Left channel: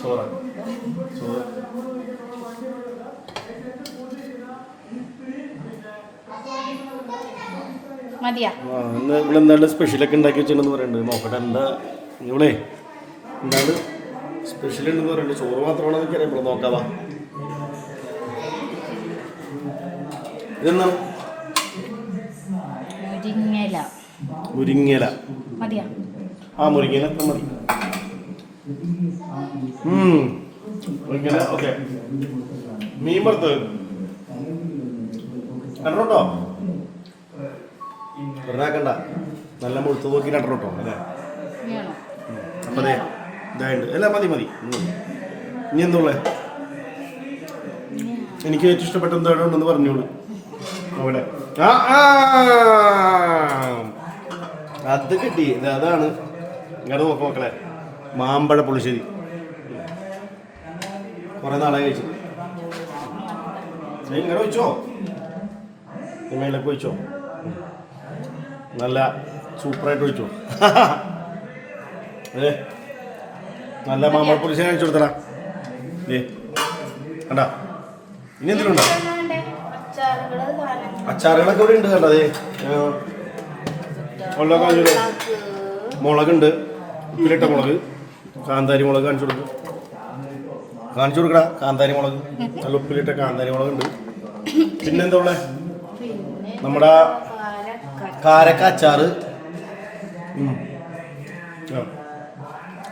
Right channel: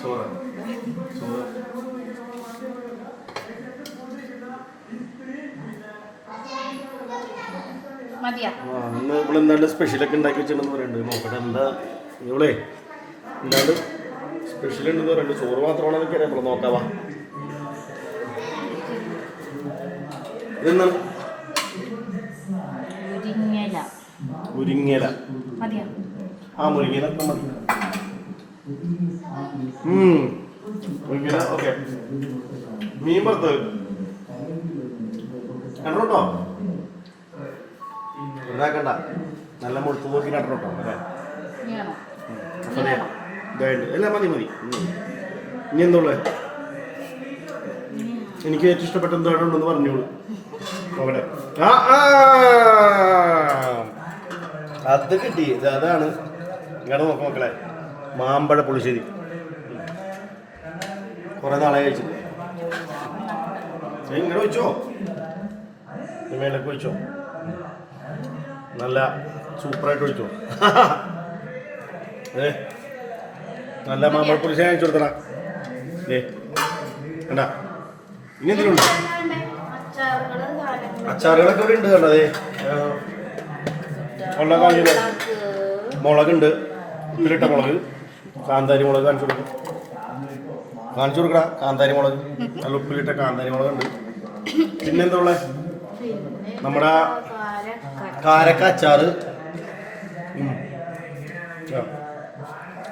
ചോറ് ചോറ് ഇവളെന്തായാലും സ്പെഷ്യലൊക്കെ ഉണ്ടാക്കി വെച്ചിട്ടുണ്ടെന്ന് പറയുന്നുണ്ട്. നോക്കട്ടെ എന്താ ഇവളെ എന്താണ് സ്പെഷ്യൽ ഉണ്ടെന്ന് പറയുന്നുണ്ട്. ചോറ് മാത്രമാണെന്ന് എനിക്കറിയാം. നമ്മൾ നോക്കാവാ. ഇതെന്താണ്? മുരിങ്ങയില. ആ മുരിങ്ങയില അത്ര മതി. മുരിങ്ങയില ഓക്കെ. മീൻ വറുത്ത് രണ്ടോ വെറുതാക്കണ്ട. നല്ല മുഴുത്ത് നോക്കി രണ്ടോ അല്ലേ? അപ്പം അതെ ഇതായിട്ട് അല്ല മതി മതി. ഇനി എന്തോളെ എനിക്ക് ഏറ്റവും ഇഷ്ടപ്പെട്ട എന്താണെന്ന് പറഞ്ഞോളൂ. അവിടെ അത് കിട്ടി. അതാണ് ഇങ്ങോട്ട് നോക്കാം മക്കളെ. മാമ്പഴ പുളിശ്ശേരി കുറെ നാളെ കഴിച്ചു. ഇങ്ങനെ വെച്ചോ മേലേക്ക് വെച്ചോ. നല്ല സൂപ്പറായിട്ട് വെച്ചോ. നല്ല മാമ്പഴ പുളിശ്ശേരി കഴിച്ചു കൊടുത്തടാ. കണ്ടാ ഇനി എന്തിനുണ്ടോ? അച്ചാറുകളൊക്കെ ഇവിടെ ഉണ്ട്. കണ്ടതേ വെള്ളക്കാഞ്ഞൂര് മുളകുണ്ട്. ഉപ്പിലിട്ട മുളക്, കാന്താരി മുളക് കാണിച്ചു കൊടുക്കടാ. കാന്താരി മുളക് നല്ല ഉപ്പിലിട്ട കാന്താരി മുളകുണ്ട്. പിന്നെന്താ ഉള്ളത്? നമ്മുടെ കാരക്ക അച്ചാറ്.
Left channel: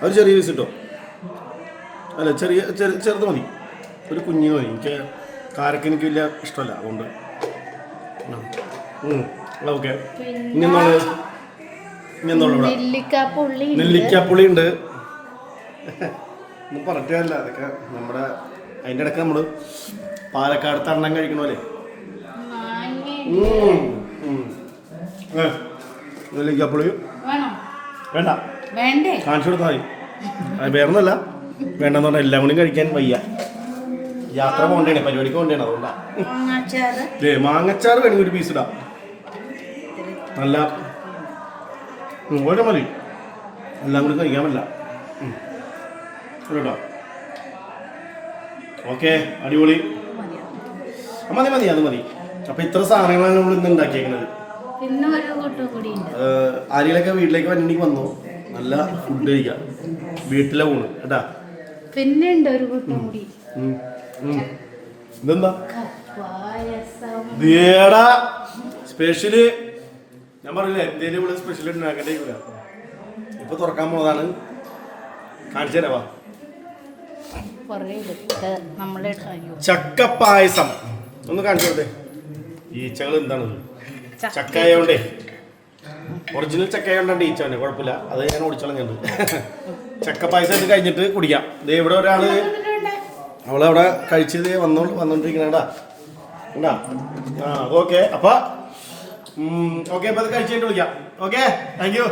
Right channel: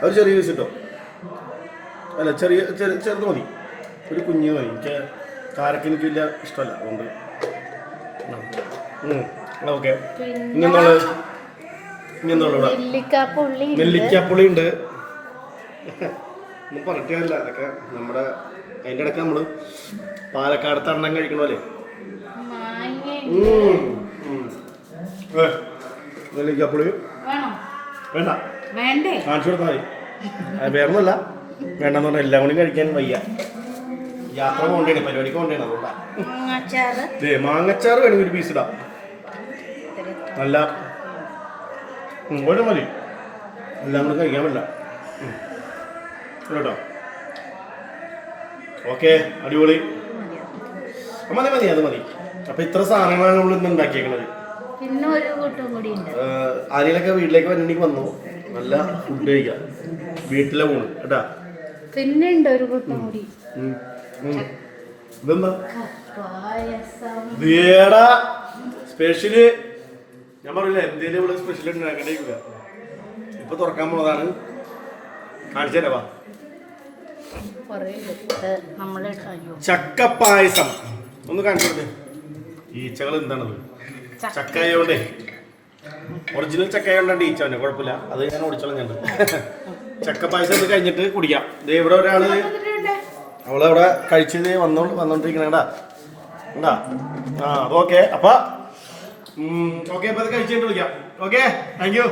ഒരു ചെറിയ പീസ് കിട്ടോ? അല്ല ചെറുത് മതി. ഒരു കുഞ്ഞു മതി. എനിക്ക് കാരക്ക എനിക്ക് വലിയ ഇഷ്ടമല്ല. അതുകൊണ്ട് ഓക്കെ. നെല്ലിക്കാപ്പുളി ഉണ്ട്. ഒന്നും പറഞ്ഞിട്ടില്ല. അതൊക്കെ നമ്മുടെ അതിൻ്റെ ഇടയ്ക്ക് നമ്മൾ പാലക്കാട് തണ്ണം കഴിക്കണ പോലെ നെല്ലിക്കാപ്പുളി വേണ്ട കാണിച്ചു കൊടുത്താൽ മതി. അത് വേറൊന്നുമല്ല. വേണ്ടെന്ന് പറഞ്ഞാൽ എല്ലാം കൂടി കഴിക്കാൻ വയ്യ. യാത്ര പോകണ്ടേ, പരിപാടിക്ക് പോകണ്ടേ. അതുകൊണ്ടാണ്. മാങ്ങച്ചാറ് വേണമെങ്കിൽ ഒരു പീസ് ഇടാം. നല്ല ഓരോ മതി. എല്ലാം കൂടി കഴിക്കാൻ പറ്റില്ല കേട്ടോ. ഓക്കെ അടിപൊളി. മതി മതി അത് മതി. അപ്പൊ ഇത്ര സാധനങ്ങളാണ് നമ്മൾ ഇന്ന് ഉണ്ടാക്കിയേക്കുന്നത്. ആരെയൊക്കെ വീട്ടിലേക്ക് വന്നിട്ട് വന്നു. നല്ല ഫുഡ് കഴിക്കാം. വീട്ടിലെ പോണ് കേട്ടാ. പിന്നെ ഉണ്ട് ഒരു കൂട്ടം കൂടി. ഇതെന്താ സ്പെഷ്യല്? ഞാൻ പറഞ്ഞില്ല എന്തേലും ഇവിടെ സ്പെഷ്യൽ ഉണ്ടാക്കണ്ടേക്കില്ല. ഇപ്പൊ തുറക്കാൻ പോണതാണ്. കാണിച്ചു തരാവാ. ചക്കപ്പായസം ഒന്ന് കാണിച്ചു കൊടുത്തേ. ഈച്ചകൾ എന്താണത്? ചക്കയോണ്ടേ ഒറിജിനൽ ചക്കയോണ്ടാണ് ഈച്ച തന്നെ. കുഴപ്പമില്ല, അത് ഞാൻ ഓടിച്ചോളാം. ഞാൻ ചക്കപ്പായസം ഇത് കഴിഞ്ഞിട്ട് കുടിക്കാം. ഇവിടെ ഒരാള് അവളവിടെ കഴിച്ചത് വന്നോണ്ടിരിക്കണേടാ. ഉണ്ടാ ഓക്കെ. അപ്പൊ ഓക്കെ, അപ്പൊ അത് കഴിച്ചിട്ട് വിളിക്കാം. Okay, thank you.